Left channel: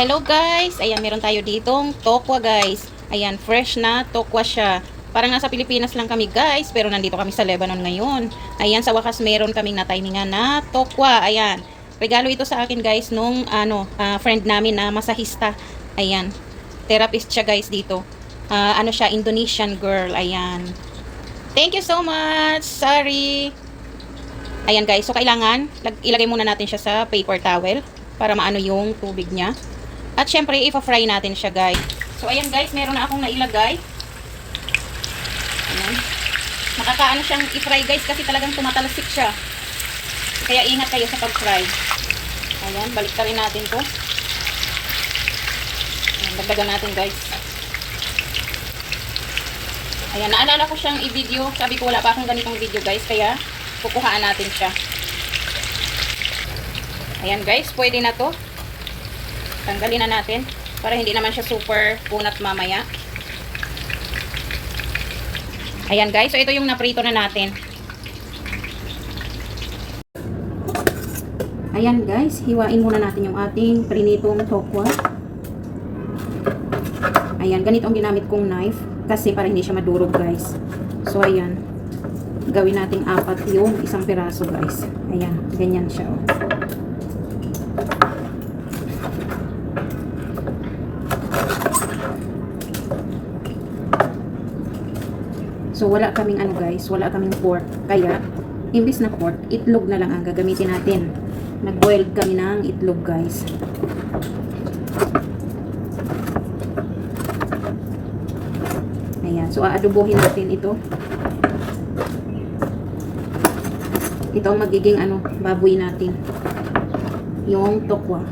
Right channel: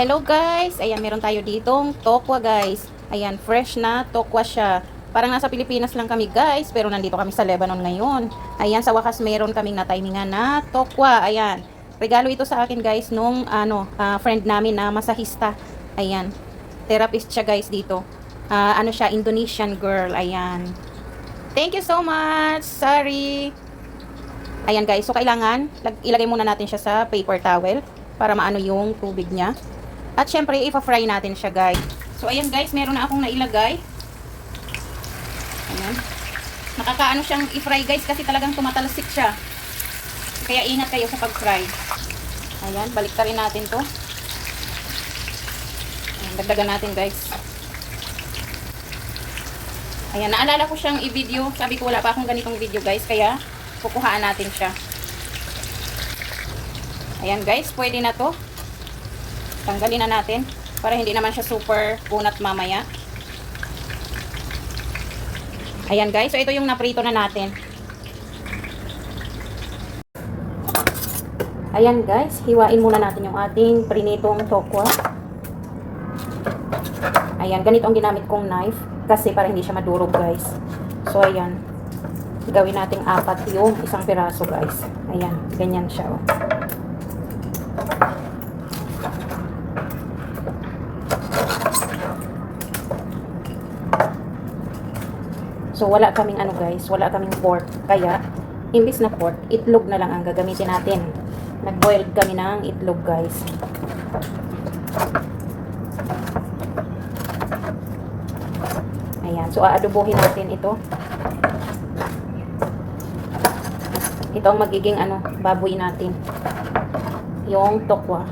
Hello guys! Ayan, meron tayo ditong tokwa guys. Ayan, fresh na tokwa siya. Parang nasa Pilipinas lang kami guys, pero nandito kami sa Lebanon ngayon. Ayan, sa wakas meron kaming na-timingan na tokwa. Ayan, regalo ito sa akin guys nung friend namin na masahista. Ayan, therapist siya guys dito. Ano siya, Indonesian girl. Ayan. Thank you so much! Sorry! Ayan guys, so kailangan ilagay muna natin siya sa paper towel para maano yung tubig niya. At syempre, ipa-fry natin siya, guys. So, ayan, guys. Meron na akong nailagay. Ayan. Nakakaano siyang i-fry, guys, kasi talagang tumatalsik siya. Kaya ingat kayo sa pag-fry. Ayan, balik rin natin to. Ayan, dagdagan natin, guys. Ayan, naalala ko siyang i-video. Sabi ko, wala pa akong ganitong video, guys. Kaya, kukuhaan natin siya. Ayan, guys. Pwede na to. Tanggalin na natin para hindi naman siya super kunat mamaya. Ayan guys, so ito yung naprito na natin. Ayan guys, hiwain muna natin yung ating prinitong tokwa. Ayan, ganito ang ginamit kong knife kasi para hindi siya madurog guys. So ayan, gawin nating 4 yung isang piraso guys. Ayan, ganyan siya oh. So, wala kaming ano guys, wala kaming pork. Kaya, imbis na pork, itlog na lang ang gagamitin natin. Nag-boiled kami ng itlog guys. Ayan, so aadobohin natin ito. Ito ang magiging ano, baboy natin. Yung tokwa.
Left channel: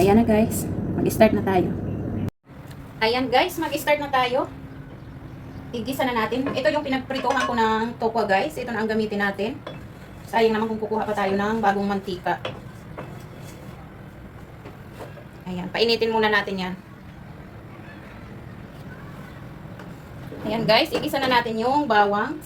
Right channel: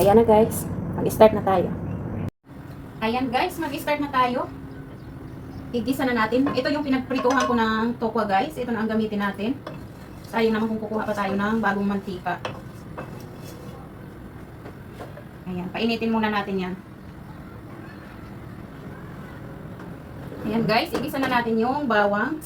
Ayan na guys, mag-start na tayo. Ayan guys, mag-start na tayo. Igisa na natin. Ito yung pinagprituhan ko ng tokwa guys. Ito na ang gamitin natin. Sayang naman kung kukuha pa tayo ng bagong mantika. Ayan, painitin muna natin yan. Ayan guys, igisa na natin yung bawang.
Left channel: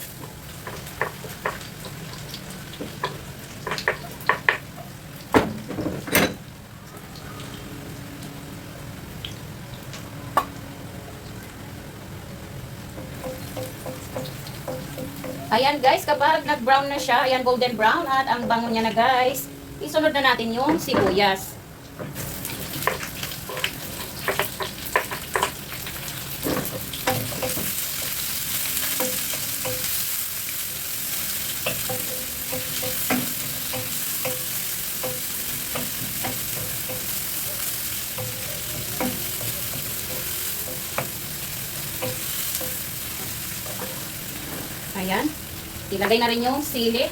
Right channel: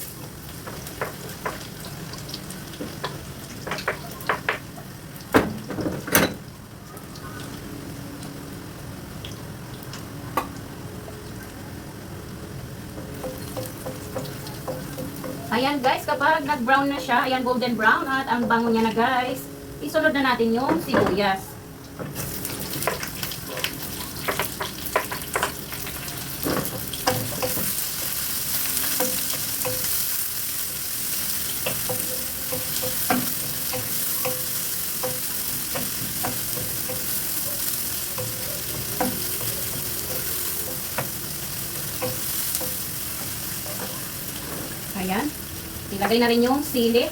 Ayan guys, kapag nag-brown na siya, ayan golden brown at ang bango niya na guys, isunod na natin yung sibuyas. Ayan. Ilagay na rin yung sili.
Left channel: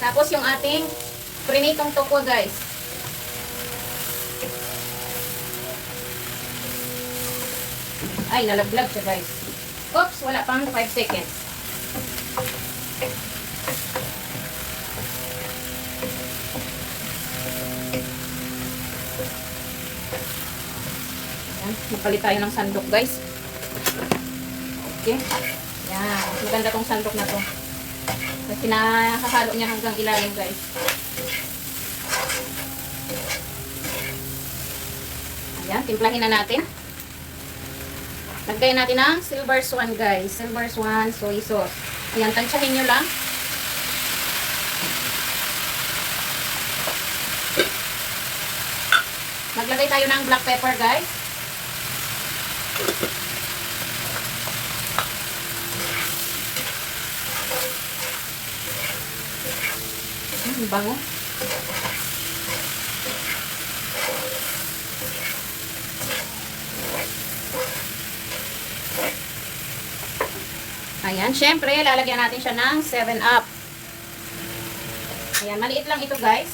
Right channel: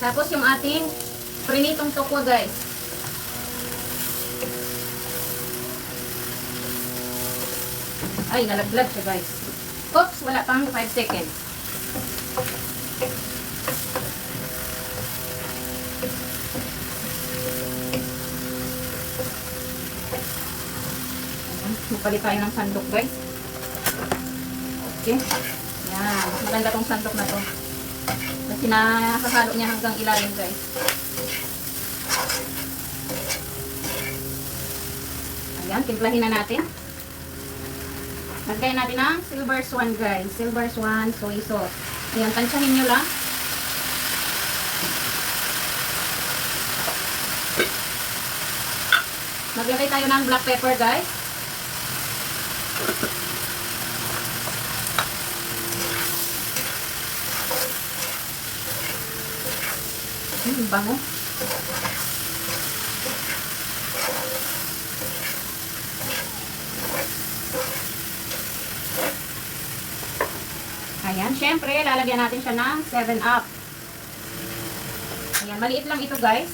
Tapos yung ating prinitong tokwa guys. Ay, nalaglag siya guys. Oops, wala pang 5 seconds. Ayan, magpalit tayo ng sandok guys. Okay. Ayan, maganda tong sandok na to. Kasi nakahalo niya hanggang ilalim guys. Ayan, timplahin na natin. Lagyan natin ng silver swan guys. Silver swan soy sauce. Ayan, tansyahin nyo lang. Maglagay tayo ng black pepper guys. Bango. Ayan. Ayan, syempre, lalagyan natin siya ng 7-Up. Ayan, maliit lang ito guys.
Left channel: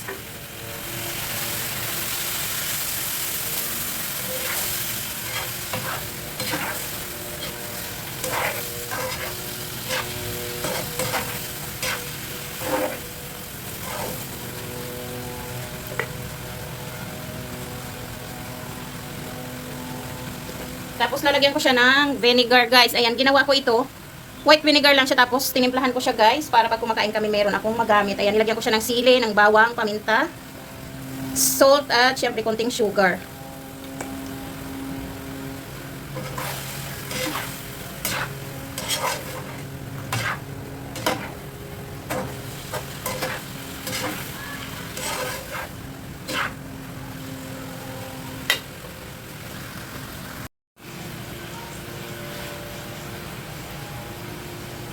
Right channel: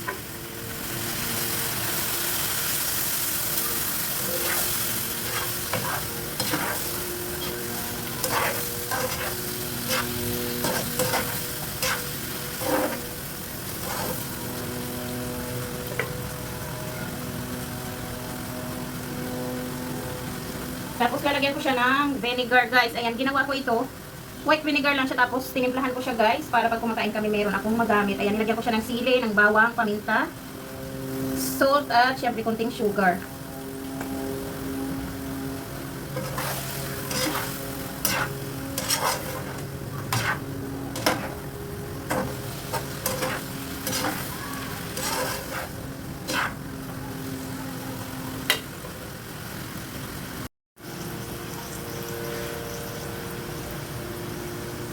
Tapos lalagyan ko siya ng vinegar guys. Ayan, ginawa ko ito. White vinegar lang siya, tapos tinimplahan ko siya guys para pag kumakain kami meron akong magamit. Ayan, nilagyan ko siya ng sili, ng bawang, paminta, salt at syempre konting sugar.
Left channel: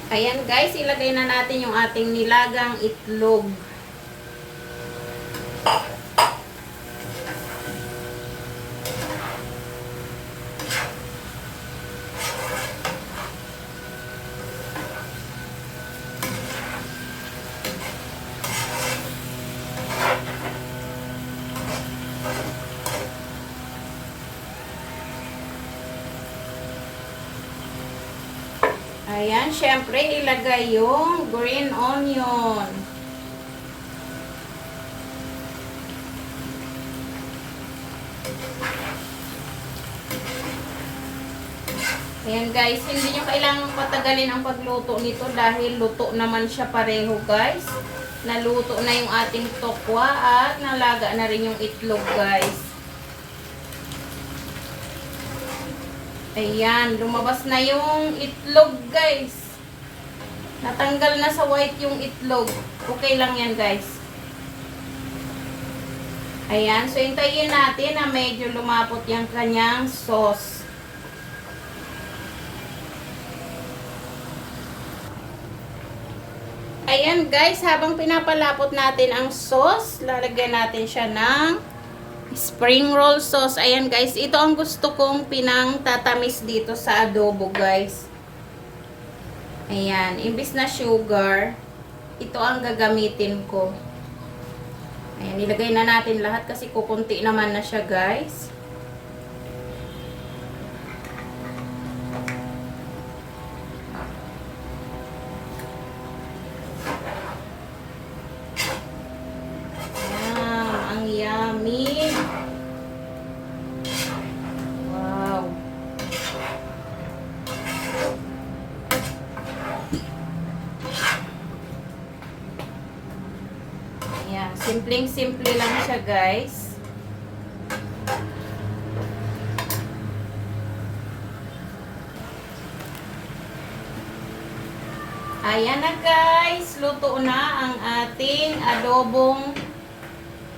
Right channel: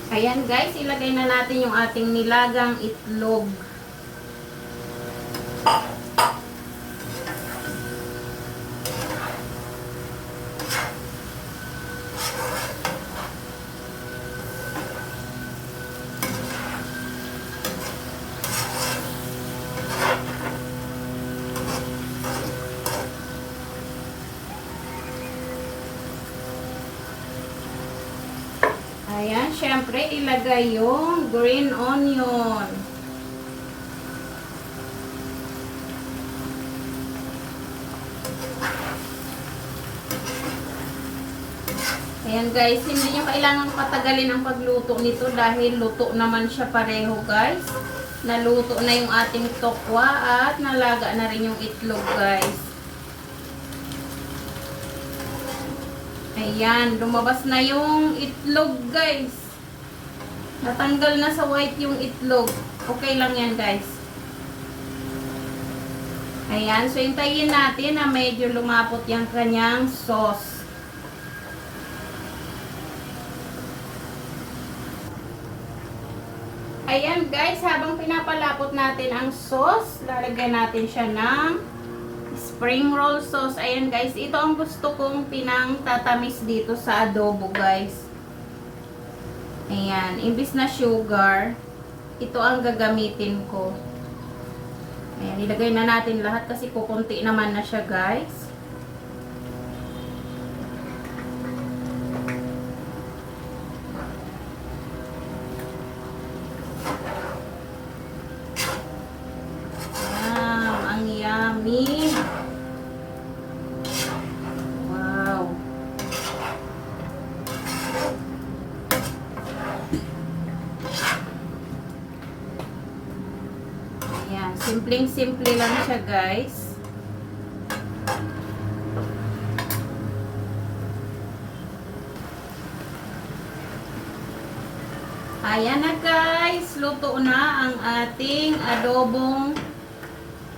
Ayan guys, ilagay na natin yung ating nilagang itlog. Ayan, syempre ilagay yung green onion. Ayan guys, hindi nyo kailangang patagalin ang pagluto nito dahil luto naman siya pareho guys. Naluto na yung ating tokwa at nalaga na rin yung itlog guys. Ayan, lumabas na yung itlog guys. Natanggal na sa white yung itlog. Okay lang yan guys. Ayan, so hintayin natin na medyo lumapot yung kanyang sauce. Ayan guys, habang pinapalapot natin ang sauce, lalagyan natin siya ng spring roll sauce. Ayan guys, ito ang gusto kong pinang tatamis dito sa adobo guys. Ayan, imbis na sugar, ito ang gagamitin ko. Ayan, ilagay na natin lahat kasi kukunti naman na siya guys. Ang yummy. Wow. Ayan, simpleng-simple lang siya guys. Ayan na guys, luto na ang ating adobong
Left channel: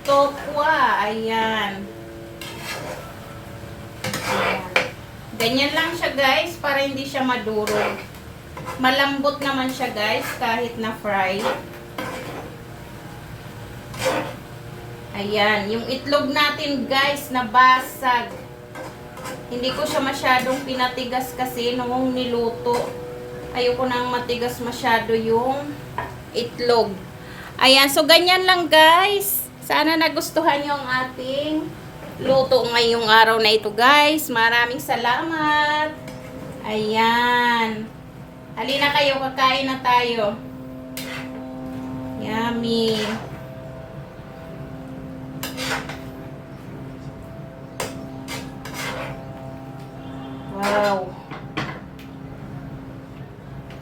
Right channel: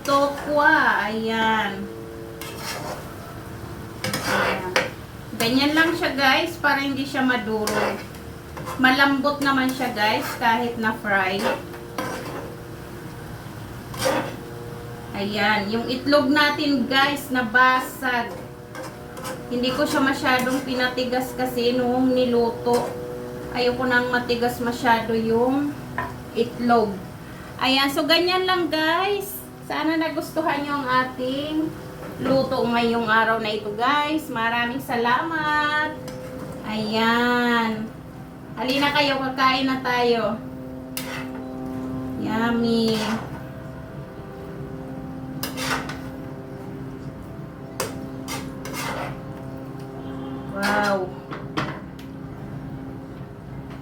tokwa. Ayan. Ayan. Ganyan lang siya guys para hindi siya madurog. Malambot naman siya guys kahit na fry. Ayan, yung itlog natin guys nabasag. Hindi ko siya masyadong pinatigas kasi noong niluto. Ayoko nang matigas masyado yung itlog. Ayan, so ganyan lang guys. Sana nagustuhan nyo ang ating luto ngayong araw na ito guys. Maraming salamat. Ayan. Halina kayo, kakain na tayo. Yummy. Wow.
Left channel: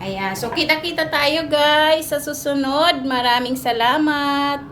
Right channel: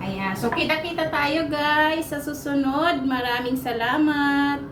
Ayan. So, kita-kita tayo guys sa susunod. Maraming salamat.